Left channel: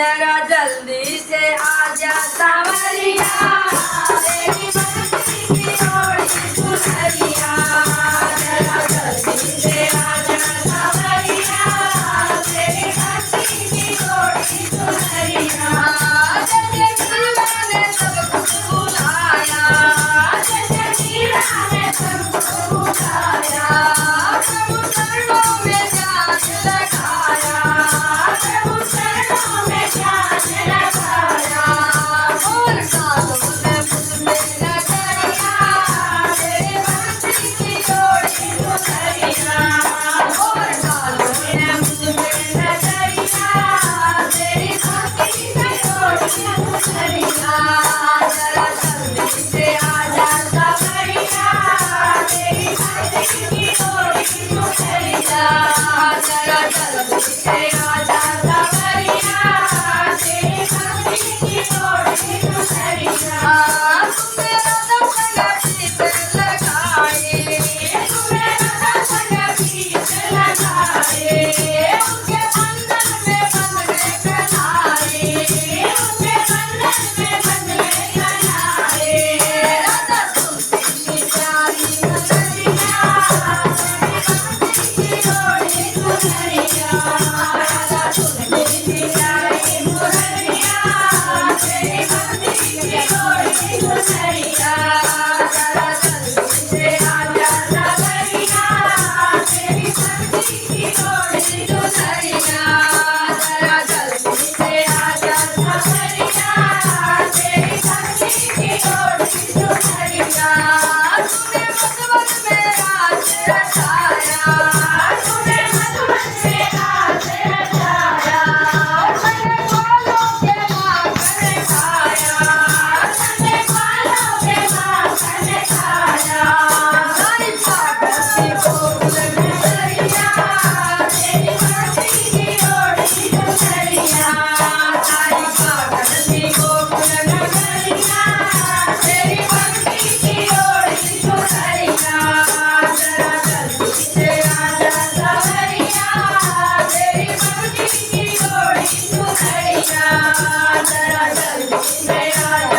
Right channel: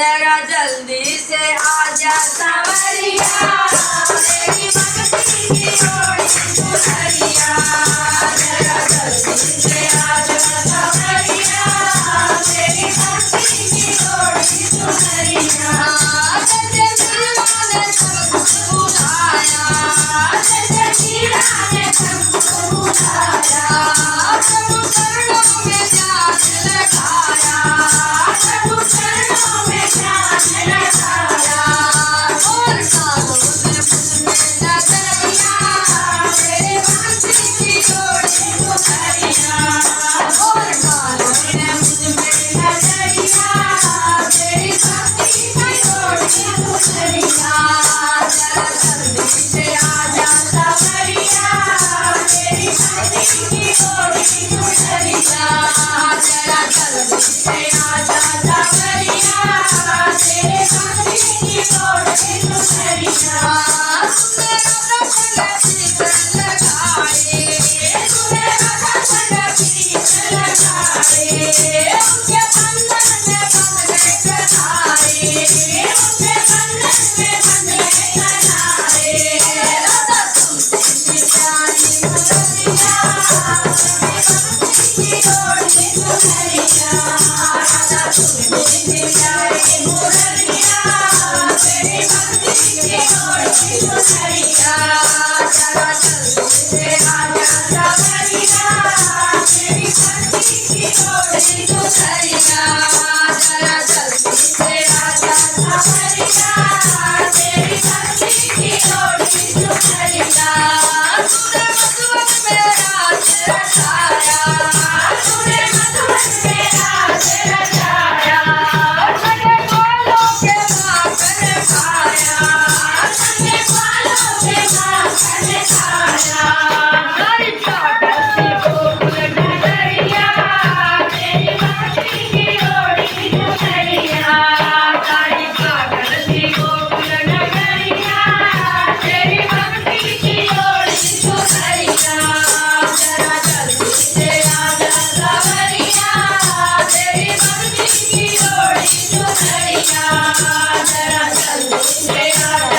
जरा जल्दी से आजा सावरिया तेरी भक्ति की जोड़ी सुनरिया जरा जल्दी से आजा सावरिया तेरी भक्ति की जोड़ी सुनरिया जैसे मीरा ने सब कुछ बुझाया जैसे मीरा ने सब कुछ बुझाया प्रभु चरणों में ध्यान लगाया प्रभु चरणों में ध्यान लगाया और कानों में मुझ पे नजरिया तेरे भक्ति की जोड़ी सुनरिया और कानों में मुझ पे नजरिया तेरी भक्ति की जोड़ी सुनरिया जरा जल्दी से आजा सावरिया तेरी भक्ति की जोड़ी सुनरिया जरा जल्दी से आजा सावरिया तेरे भक्ति की जोड़ी सुनरिया तुमने राधा संग गीत लगाए तुमने राधा संग गीत लगाए उनके बंधन में बंध गए कन्हारे उनके बंधन में बंध गए कन्हारे राधा सुनती थी प्यारी मुरलिया तेरी भक्ति की जोड़ी सुनरिया राधा सुनती थी प्यारी मुरलिया तेरी भक्ति की जोड़ी सुनरिया जरा जल्दी से आजा सावरिया तेरी भक्ति की जोड़ी सुनरिया जरा जल्दी से आजा सावरिया तेरी भक्ति की जोड़ी सुनरिया तूने मधुबन में राज रचाया तूने मधुबन में राज रचाया तूने ग्वालों के माखन खाया तूने ग्वालों के माखन खाया नारी पागल गोकुल नगरिया तेरी भक्ति की जोड़ी सुनरिया नारी पागल गोकुल नगरिया तेरी भक्ति की जोड़ी सुनरिया जरा जल्दी से आजा सावरिया तेरी भक्ति की जोड़ी सुनरिया जरा जल्दी से आजा